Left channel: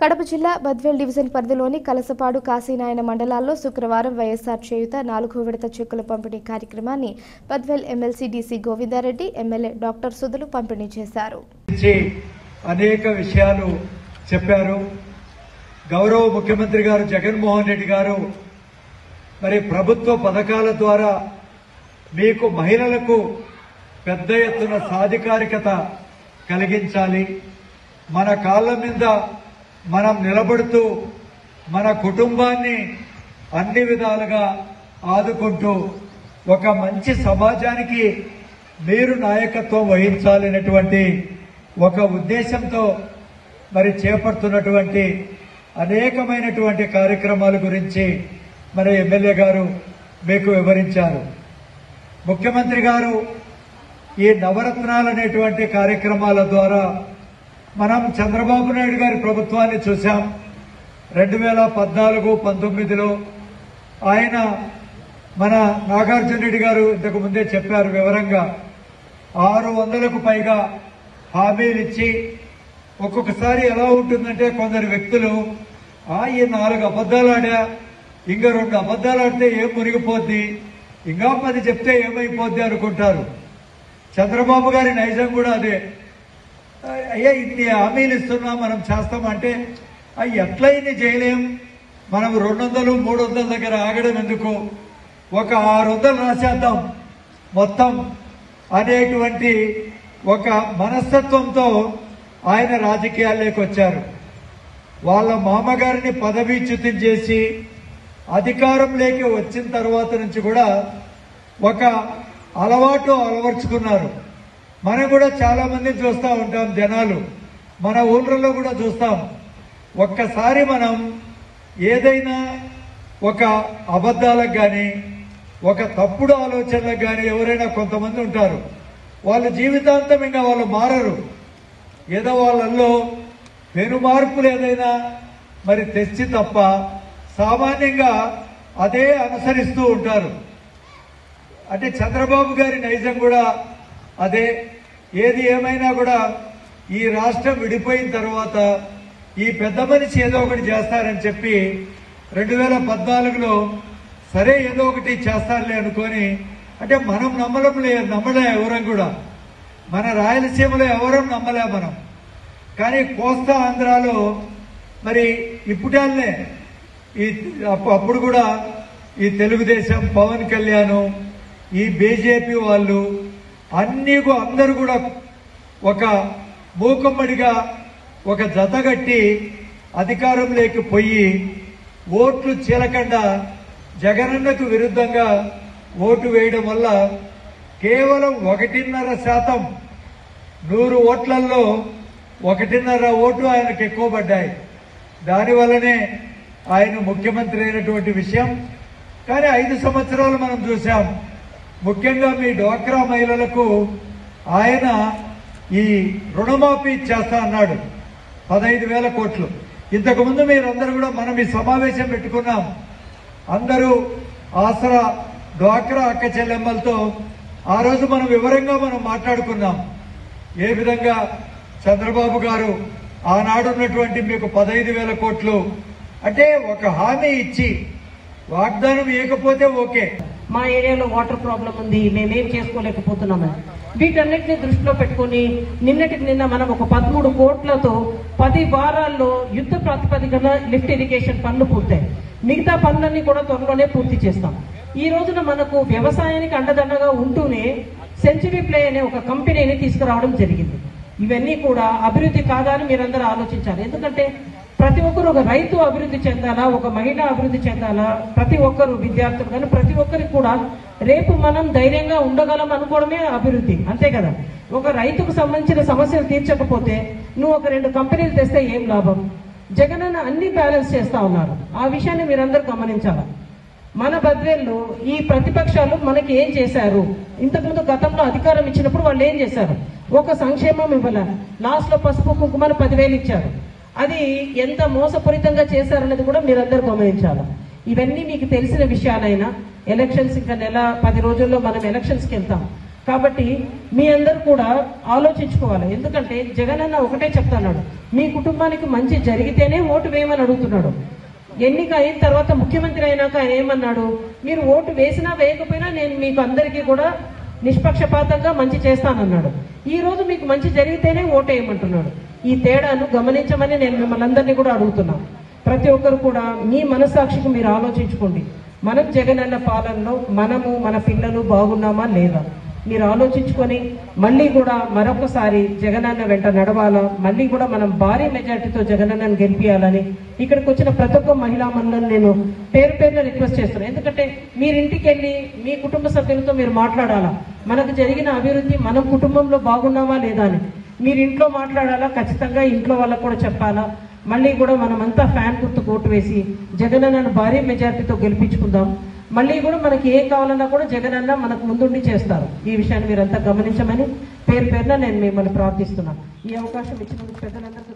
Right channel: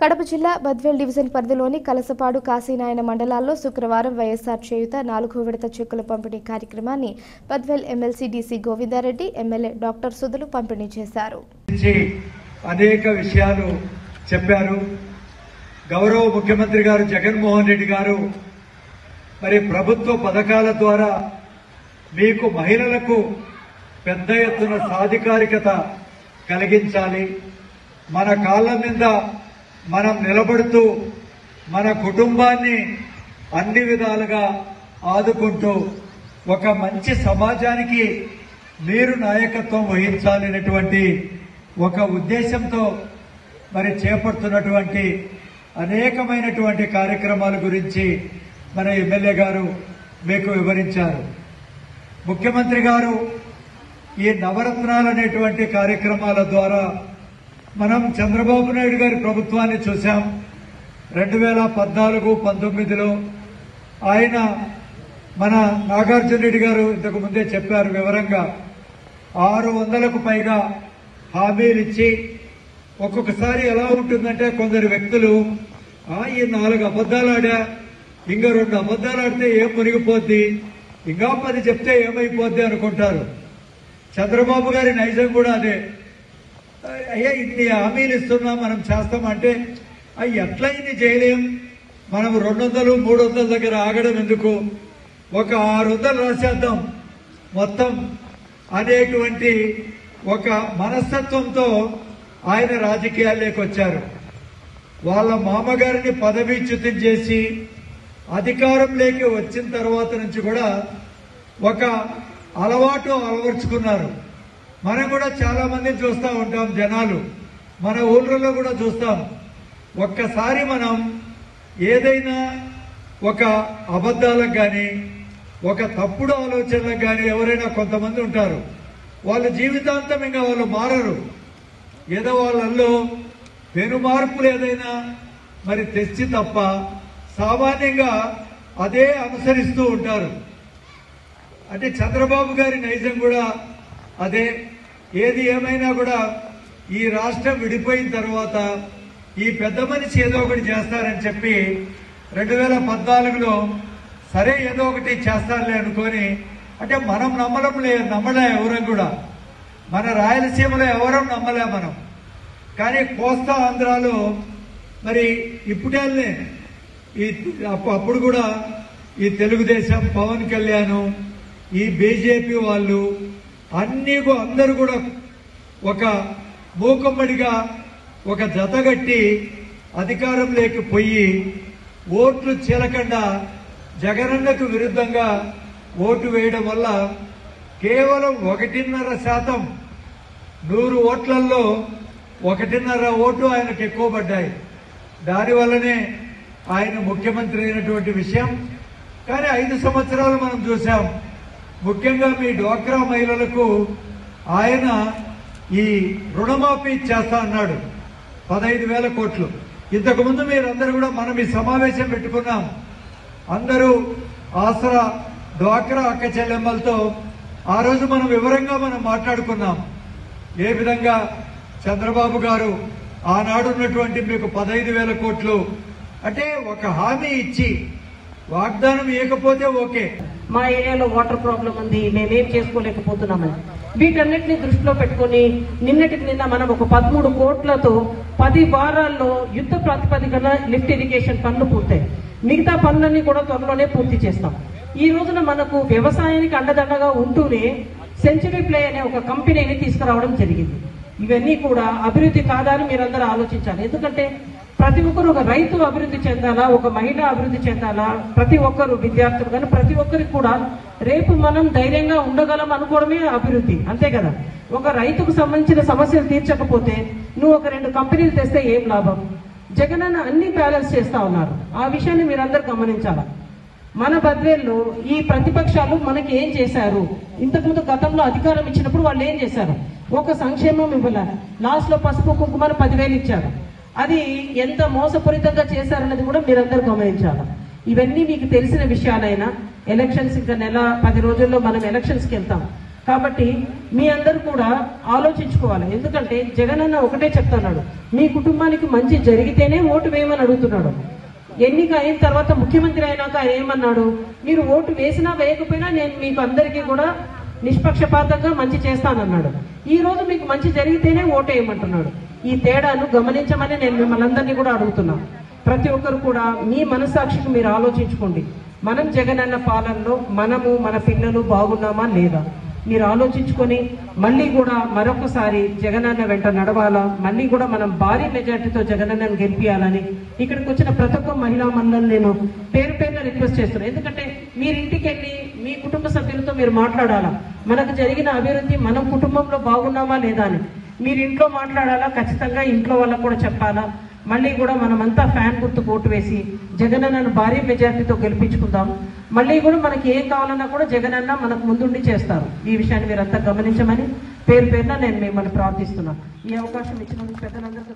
కడప జిల్లా బద్వేల్ డివిజన్ పరిధిలోని కలసపాడు కాశీనాయన మండలాల్లో శుక్రవారం వైఎస్ఆర్ చేయుత 4వ విడత చెక్కుల పంపిణీ కార్యక్రమాన్ని Badvel MLC DC Govindareddy, MLA doctor సుధులు పంపిణీ చేశారు. అనేక విషయాలు చెప్పారు. గౌరవ ముఖ్యమంత్రి గారు జగన్మోహన్ రెడ్డి గారు మరి ప్రభుత్వ పథకాల ద్వారా మీకు మహిళలకు పెద్ద ఎత్తున సాధికారికత కలిగించాలి, మన కాళ్ళ మీద మనం నిలబడుతూ మన కుటుంబాన్ని అన్ని విధాలుగా ఆదుకుంటూ ఒక మంచి సమాజానికి మీరు నాయకత్వం వహించాలనేటువంటి ఒక ఉద్దేశంతో మరి చేపడుతున్నటువంటి అనేకమైనటువంటి కార్యక్రమాల గురించి మరి ఎమ్మెల్యే గారు మీకు వివరించారు. ముఖ్యమంత్రి గారు ఈ నవరత్నాలు అనేటువంటి కార్యక్రమాల ద్వారా మనం చంద్రబాబు నాయుడు గారి ప్రభుత్వాన్ని చూశాం. 2014-19లో ఆయన మన నాగార్జున రెడ్డి గారు ఇంతకు ముందే చెప్పారు వివరంగా 600కు పైగా హామీలు ఇచ్చి ఒక్కొక్కసారి ఎలా ఉంటుందంటే కొందరు వ్యక్తులు ఈ 4 అబద్దాలు ఆడా, ఇంకా 2 అబద్దాలు ఆడితే ఏం మునిగిపోద్ది, ఇంకా 10 చెప్తే ఏమైపోద్ది అనుకుంటారు. చంద్రబాబు గారి నైజం కూడా అదే. అయ్యా ఇన్ని హామీలు ఇస్తున్నా మనం చేస్తామంటే ఎట్లా ఇన్ని చేయలేం, మనం 200-300 దగ్గర ఆగడం ఎందుకు, ఒక 600 రాసేద్దాం మొత్తం అనేటువంటి ఒక మనస్తత్వంతో ఆయన రాజకీయాల్లోకి వచ్చారు. వాళ్ళ మామగారిని పదవీచ్యుతం చేసి అధికారంలోకి వచ్చిన తర్వాత నుంచి కూడా ఒక అలవాటు అలవర్చుకున్నారు. మనం కూడా చాలా మందిని చూస్తూ ఉంటాం, జనాలు మన ఊళ్ళలో కూడా చూస్తాం. ఒక్కసారి మనం ఏదైనా ఒక అబద్ధాలకు కానీ ఒక తప్పుడు ఆలోచనలకు కానీ ఎవరైనా కొంతమంది ఉంటారు, వాళ్ళ జీవితాంతం ఇంకా వాళ్ళు మారరు. ఏదో వాళ్ళల్లో పెను మార్పులు ఏదైనా మరి తెచ్చి తప్ప సామాన్యంగా అదే అనుసరిస్తూ ఉంటారు. అంటే చంద్రబాబు గారి నైజం కూడా అదే. ఏది ఏమైనా కూడా ఈ రాష్ట్రం విడిపోయిన తర్వాత ఈ పెద్ద మనిషి ఏదో ఒకటి చేస్తారని చెప్పి 2014లో సరే ఏదో ఒకటి చేస్తారులే అనుకొని, అంటే మనం నమ్మలే ఎవరం కూడా, మన రాయలసీమలో ఎవరం నమ్మలే మనం. కానీ కోస్తా ఆంధ్రాలో మరి ఇప్పుడేళ్ళే అప్పుడు కూడా ఈ తెలుగుదేశం, పవన్ కళ్యాణ్, ఈ బీజేపీ వాళ్ళు అందరూ కూడా ఒక మూకమ్మడిగా ఒక జతగట్టి అధికారంలోకి పోయి ఓట్లు చీలకుండా జగనన్నకు విరుద్ధంగా ఓటు వేయడం వల్ల కేవలం 1.5% 100 ఓట్లలో 1.5 ఓటు ఆయనకు ఎక్కువ పడ్డాయి. దానివల్లనే ఆయన ముఖ్యమంత్రి అయినటువంటి విషయం. కానీ 5 సంవత్సరాలు మనం చూసాం. ముఖ్యంగా మీ డ్వాక్రా మహిళలకు ఆయన ఈ రుణమాఫీ చేస్తా అన్నాడు 15,000 కోట్లు. ఇంతకుముందు మీరందరూ కూడా మనం ఈ సమావేశం పెట్టుకున్నాం. అందరూ ఆసరా డ్వాక్రా అక్క చెల్లెమ్మలతో ఆ రోజు మనం వివరంగా మాట్లాడుకున్నాం. ఏ విధంగా చంద్రబాబు గారు ఆనాడు ఉన్నటువంటి మీకు 15,000 కోట్లు అంటే ఒక హామీ ఇచ్చి వాగ్దానం ఇవ్వకపోతే ఓకే, మా ఏరియాలో వాటర్ ప్రాబ్లం ఉంది, మేమేం చేసుకోలేకపోతున్నామని వీటన్నిటిని దృష్టిలో పెట్టుకుని నిన్నటికి నిన్న మనం ఒక 13 కోట్లతో 10 వారాల్లో యుద్ధ ప్రాతిపదికన లిఫ్ట్ ఇరిగేషన్ పనులు పూర్తయి, మిగతా పనులన్నీ కూడా త్వరలోనే పూర్తి చేస్తాం. ఈ రోజున మనకు వ్యవసాయానికి అండదండగా ఉంటూనే సెంచరీ ప్లే అనే ఒక కంపెనీని తీసుకురావడం జరిగింది. ఇవన్నీ కూడా అభివృద్ధి కాదని మీరందరూ ఆలోచించాలి. ఎందుకంటే ప్రతి ఒక్కరు, ఒక రైతు అభివృద్ధి చెందాలా, ఒక మహిళ అభివృద్ధి చెందాలా, ప్రతి ఒక్కరు విద్యార్థులు కానీ ప్రతి ఒక్కరికి కూడా రేపు మనం ధైర్యంగా ఉండగలం అనుకోవడమే అభివృద్ధి, అంతే కదా. ఒక రైతుకు సంబంధించిన సమస్యలు తీర్చకపోతే నువ్వు ఒక 2 కంపెనీలు తెస్తే ఏం లాభం? జగనన్న అన్ని బ్యాలెన్స్ చేస్తా ఉన్నారు. ఆ విషయాన్ని మీరందరూ గమనించాలా. మన బద్వేల్లో ఈ ప్రతిపక్షాలు మనకి ఏం చేశారు? ఇంతకుముందు గతంలో అధికారం ఇచ్చినప్పుడు వాళ్ళు ఏం చేశారు? ఒక సంక్షేమం ఇవ్వాల, లాస్ట్ లో పసుపు కుంకుమను 10,000 ఇచ్చారు. అది ఎంత మోసపూరితంగా చేశారన్నది కూడా మీరందరూ గమనించాలి. ఇవన్నీ మీకు తెలిసిన విషయాలైనా ఎలక్షన్స్ ఇంకా 10 రోజుల్లో మనం ఎలక్షన్స్కి వెళ్తాం. కాబట్టి మీ అందరూ కూడా ఆలోచించుకోవాలి. ఎందుకంటే జగనన్న ఒకటే చెప్తున్నాడు, మీ కుటుంబానికి మంచి జరిగితేనే ఓటు వేయమని అడుగుతున్నాడు. ఎన్నిక అయిన తర్వాత ముఖ్యమంత్రి అయినాక ఆయన ఏమన్నాడు, మీరు ఓటు వేసినా వేయకపోయినా నేను మీకు అందరికీ కూడా నిష్పక్షపాతంగా మంచి చేస్తానన్నాడు. ఈ రోజు మీకు మంచి జరిగితేనే ఓటు వేయమంటున్నాడు. ఈ తేడాను గమనించమని నేను మిమ్మల్ని అందరినీ కూడా అడుగుతున్నా. ప్రతి ఒక్కరు కూడా మీ మనస్సాక్షికి మీరు ఆలోచించుకోండి. మనం జగనన్న పాలనలో మనము మన పిల్లలు బాగున్నామా లేదా మీరు ఆలోచించుకొని మళ్ళీ కూడా మరొకసారి జగనన్న వెంట నడవాలా, మళ్ళీ కూడా మనం భారీ మెజార్టీతో జగనన్నను గెలిపియాలని ఇక్కడికి వచ్చిన ప్రతి ఒక్క మహిళా మండలిని నేను పేరు పేరున రిక్వెస్ట్ చేస్తున్నాను. ఎందుకంటే మీరింటికి వెళ్ళి మీ కుటుంబ సభ్యులతో మీరు మాట్లాడాలా, మనకు జరిగిన అభివృద్ధి మనం కుటుంబంలో బాగున్నావా లేదా అని మీరు ఇంట్లో మాట్లాడాలా, ఖచ్చితంగా ఇంట్లో వాళ్ళకు కూడా చెప్పాలా. మళ్ళీ కూడా మనమంతా ఫ్యాన్ గుర్తు ఓటు వేసి జగనన్నను భారీ మెజార్టీతో గెలిపించుకుందాం. మళ్ళీ కూడా మనకి ఏం కావాలన్నా కూడా జగనన్న మనకు ముందుండి చేస్తారు. ఈ విషయాన్ని మీరంతా గమనించమని పేరు పేరున నేను మిమ్మల్ని ప్రార్థిస్తున్నాను. ఈ అవకాశం ఇచ్చినందుకు పెద్దలందరూ